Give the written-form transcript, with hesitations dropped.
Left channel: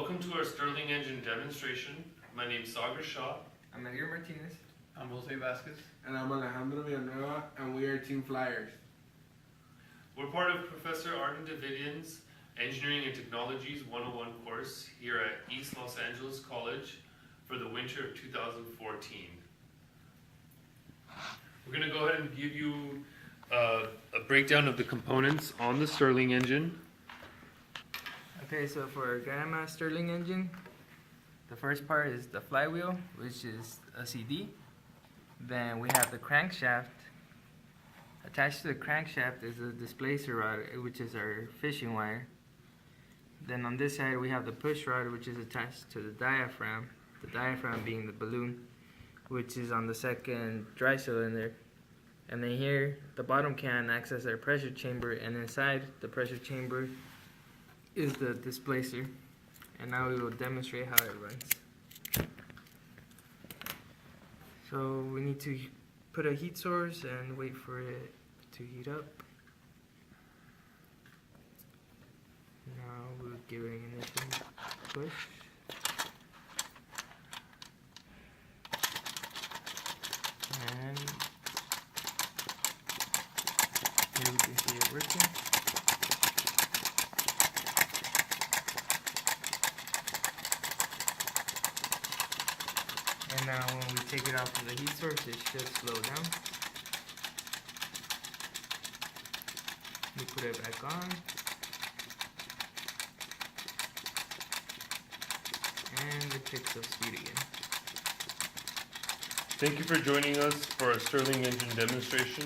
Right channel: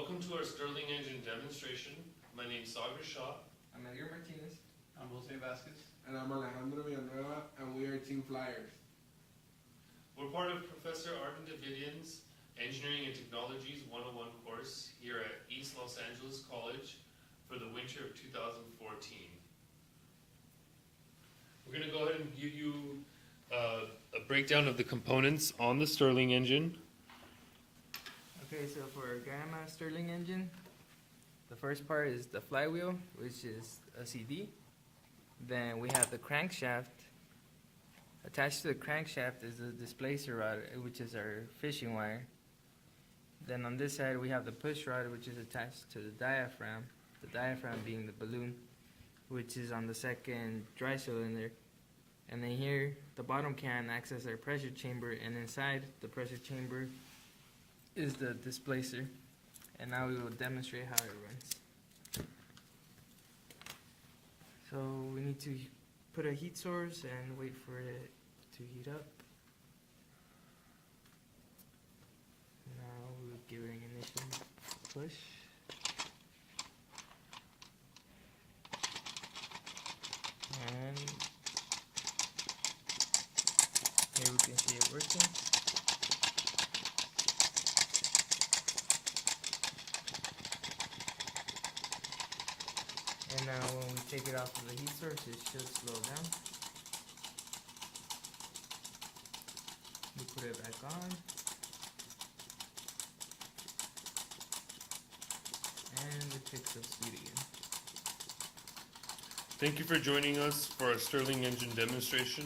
Welcome to our Stirling Engine demonstration. My name is Sagar Shah. I'm Edgar Martinez. I'm Vazquez. And I'm Alejandro Villanueva, and we are Team Flyers. We're part of Professor Artin Davidian's Engineering and Technologies 101 course here at East Los Angeles College for the winter of 2014. We're going to go ahead and give you a breakdown of the components on the Stirling engine. Okay, so for a Gamma Stirling engine, the first part is the flywheel, which is a CD. Then we have the crankshaft. Attached to the crankshaft is a displacer rod, which is our fishing wire. Then on this side we have the push rod, which is attached to the diaphragm being the balloon, which is on the second dry cylinder. And then here, the bottom can acts as our pressure chamber, and inside the pressure chamber is the displacer. And now we will demonstrate how it runs. So we need to put a heat source and wait for it to heat up. Now we'll give it an initial push. And here we can see it working. And now when we take it out from the heat source, it should slow down. We put it back on. And it picks up speed again. Thank you for joining us for our Stirling engine demonstration.